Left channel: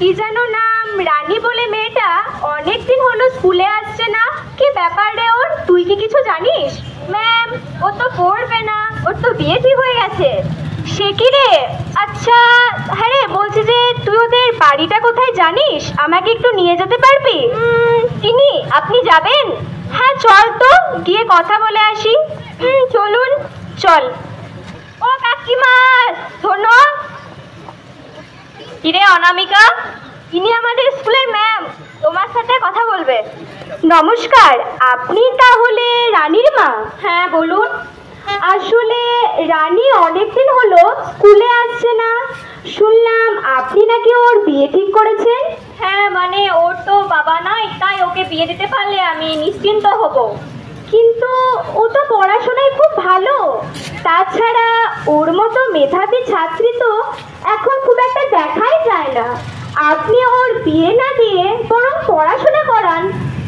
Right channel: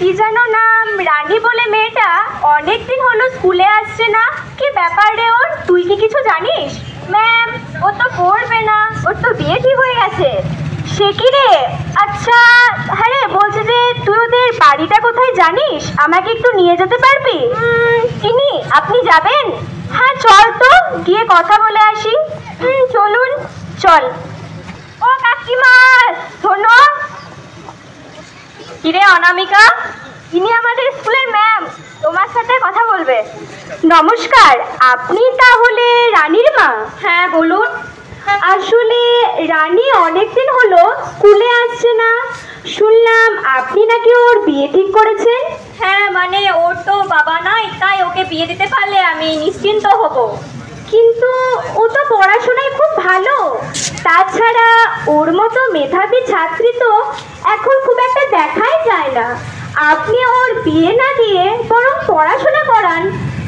কি জানো নাম, রানী বলে মেয়েটা অনেকদিন হলো স্কুলে আসছে না। কি ব্যাপার রে ওর, তুই কি কিছু জানিস? ম্যাম, ও তো পড়বে না, ওর তো বিয়ে ঠিক হয়ে গেছে। সে কি রে? আচ্ছা, হ্যাঁ রে, বলছি যে তুই ওদের বাড়িটা কোথায় জানিস? আমাকে একটু নিয়ে যেতে পারবি? চিনি, আপনি যাবেন? হ্যাঁ চল তো, গিয়ে কথা বলে আসি। চলুন, চল। ও কাকিমা, শোনো। কিরে অনামিকা? ইনি আমাদের স্কুলের ম্যাম, তোমার সাথে কথা বলবে। নমস্কার, আপনি তাহলে রানীর মা? হ্যাঁ বলুন। আসলে রানী অনেকদিন হলো স্কুলে আসছে না, শুনলাম আপনি নাকি ওর বিয়ে ঠিক করেছেন। হ্যাঁ, মানে ওর তো বাবা নাই, তাই ওকে বিয়ে দিতে পারলে আমি নিশ্চিন্ত হব। কিন্তু ও তো পড়াশোনায় খুব ভালো, তাছাড়া ওর মতো মেধাবী ছাত্রী তো এখন খুব একটা দেখাই যায় না। আপনি ওর বিয়ে না দিয়ে বরং পড়াশোনা করান।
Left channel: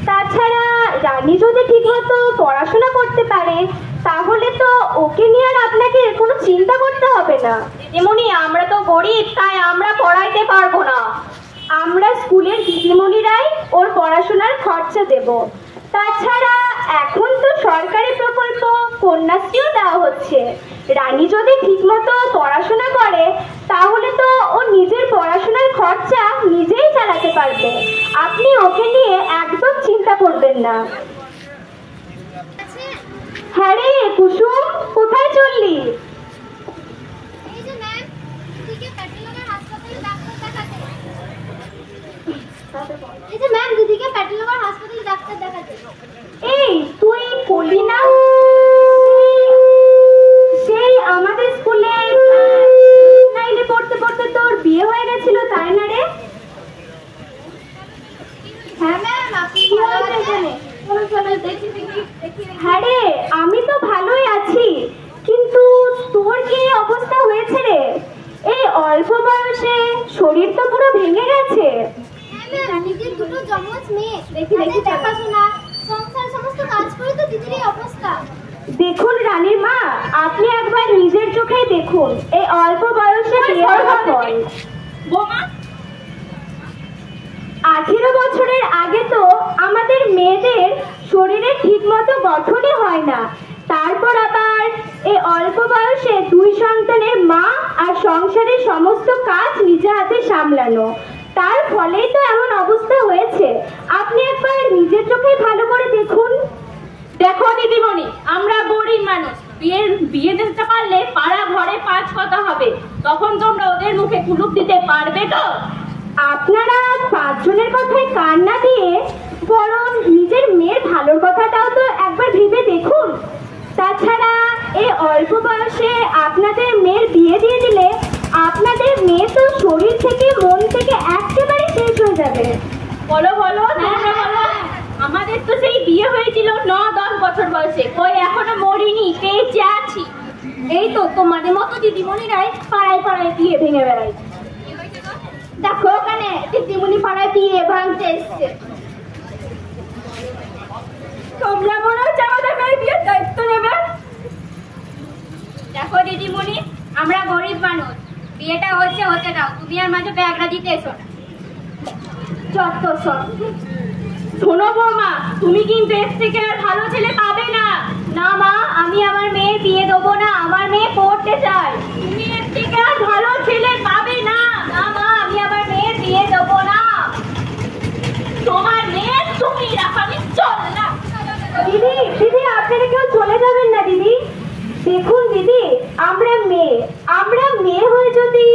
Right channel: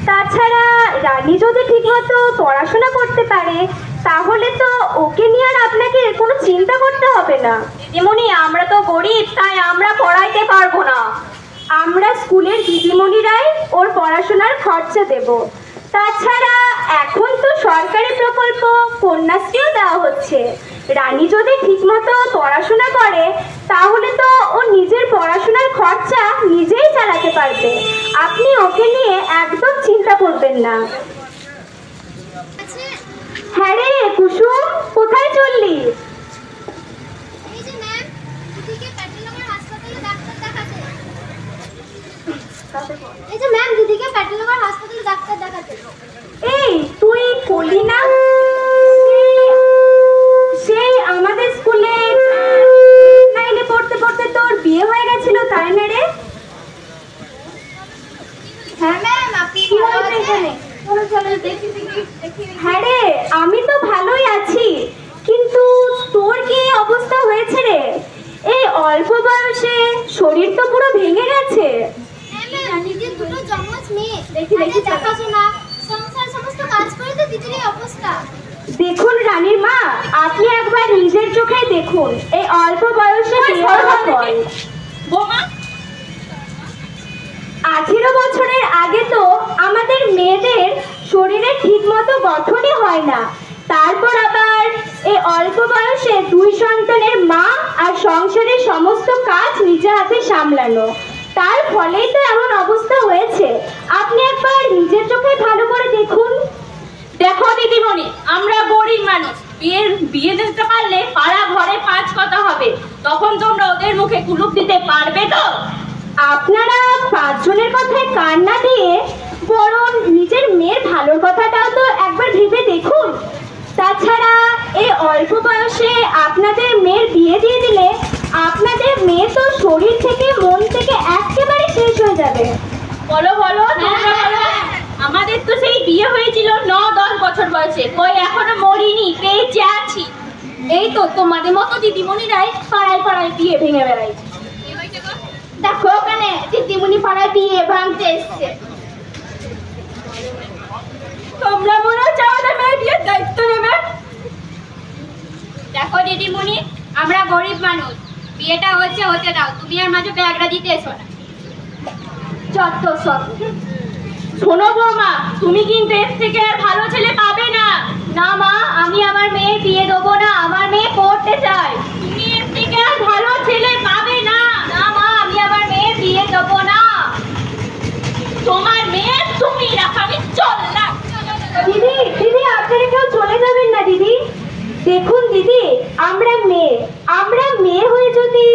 তাছাড়া রানী যদি ঠিকমতো পড়াশোনা করতে পারে তাহলে তো ওকে নিয়ে আর আপনাকে কোনো চিন্তা করতে হবে না। এমনি আমরা তো গরিব, তাই আমরা পড়াইতে পারবো না। আমরা স্কুলের দিদিমণিরাই ওর পড়াশোনার খরচা দেব। তাছাড়া এখন তো সরকারি প্রকল্প কন্যাশ্রীও দেওয়া হচ্ছে। রানী যদি ঠিকমতো পড়াশোনা করে তাহলে তো ও নিজের পড়াশোনার খরচা নিজেই চালাতে পারবে। আপনি ওকে নিয়ে একদম চিন্তা করবেন না। হ্যাঁ রে কুসুম, কোথায় চললি? এই যে ম্যাম, দিদিকে প্যাটেলগড় হাসপাতালে ডাক্তার দেখাতে। এই তুই বলি না, সেই আমাদের স্কুলে নাইনে পড়তে পড়তে তোর বিয়ে হয়ে গেছিল, তাই না রে? হ্যাঁ ম্যাম, আপনি কি হয়েছে এখানে? চলো দেখি। হ্যাঁ রে, আমি তো ভালোই আছি, কিন্তু তোর কি অবস্থা হয়েছে রে? এই অল্প বয়সে শরীর তো পুরো ভেঙে গেছে। হ্যাঁ ম্যাম, দিদির দুটো জমজ মেয়ে, দেখি দেখাশোনা সংসার সমস্ত কাজ করে তো দিদির এই অবস্থা। দেখুন রানীর মা, আপনি একবার নিজের চোখেই দেখুন, এই অল্প বয়সে 18 বছরের আগে তো আমাদের মেয়েদের শরীরে ঠিক মতো গঠনই হয় না। তারপর আবার এই অল্প বয়সে 2 সন্তানের মা আর সংসারের সমস্ত কাজ নিজে হাতে সামলানো, তার ফলেই তো এমন অবস্থা হয়েছে। আপনি একবার নিজের চোখে ভালো করে দেখুন। দেখো দিদিমণি, আমরা গরিব মানুষ, বিয়ে দিতে পারলে পাড়া ঘরে 5 কথা হবে, তখন তোমরা ওদের মুখে কুলুপ দিতে পারবে তো? আপনারা 5 জনের কথায় কান না দিয়ে বরং নিজের মেয়ের ভালোর কথাটাও তো একবার ভেবে দেখুন। তাছাড়া এই অল্প বয়সে আপনাদের মেয়ের বিয়ে দিয়ে দিলে আপনাদের মেয়ে তো শরীর থেকে মন থেকে একেবারে শেষ হয়ে যাবে। বলো বলো, আমাদের তো সেই বিয়ে হয়েছিল 9-10 বছর বয়সে, কই এখনো মরিনি, বেঁচে আছি। এই তো তোমাদের মতো দিদিমণিরাই পাড়ায় পাড়ায় বিয়ে ভেঙে বেড়াইছে। দেখো ওখানে দিদিমণি পাড়ায় বিয়ে ভাঙতে এসছে। তোমরা মনে হচ্ছে আমাদের মেয়ের বিয়ের দায়িত্ব নেবে। দেখো দিদিমণি, আমরা গরিব মানুষ, বিয়েটা হচ্ছে হতে দাও, তুমি আর মাঝে ব্যাগরা দিতে এসো না। যত সব। শোনো বৌমা, তুমি কিন্তু এর থেকে আর ভালো ছেলে পাবে না। না মা, আমি আমার মেয়ের বিয়ে দেবো না, আমার মেয়ে পড়তে চায়। তুমি এর থেকে আর ভালো ছেলে পাবে না। না মা, আমি আমার মেয়ের বিয়ে দেবো না। তোমার মেয়ে তুমি রাখো, আমি চললাম। দিদি দিদি, আপনারা কেউ চলে যাবেন না দিদি। দেখুন দিদি, আমরা মেয়ে হয়ে যদি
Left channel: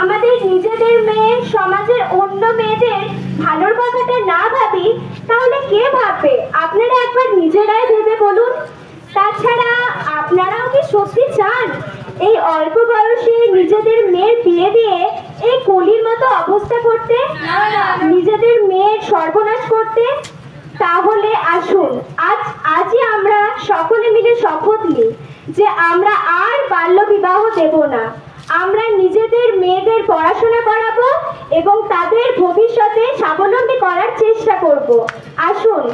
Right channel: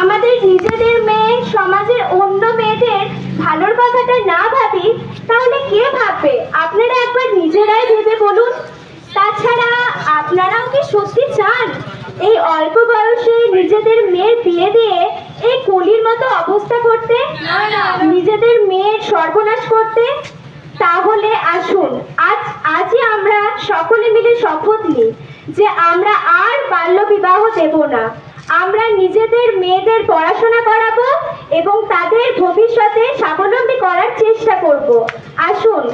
আমাদের নিজেদের মেয়ে সমাজের অন্য মেয়েদের ভালোর কথাটা না ভাবি তাহলে কে ভাববে? আপনারা একবার নিজেরাই ভেবে বলুন। তাছাড়া আপনারাও কি সত্যি চান এই অল্প বয়সে নিজেদের মেয়ের বিয়ে দিয়ে এই কলির মতো অবস্থা করতে, নিজেদের মেয়ের সর্বনাশ করতে? তাহলে আসুন আজই আমরা সকলে মিলে শপথ নিই যে আমরা আর বাল্য বিবাহ দেব না। আমরা নিজেদের মেয়েদের পড়াশোনা করাবো এবং তাদের ভবিষ্যতে স্বাবলম্বী করার চেষ্টা করব। আসুন।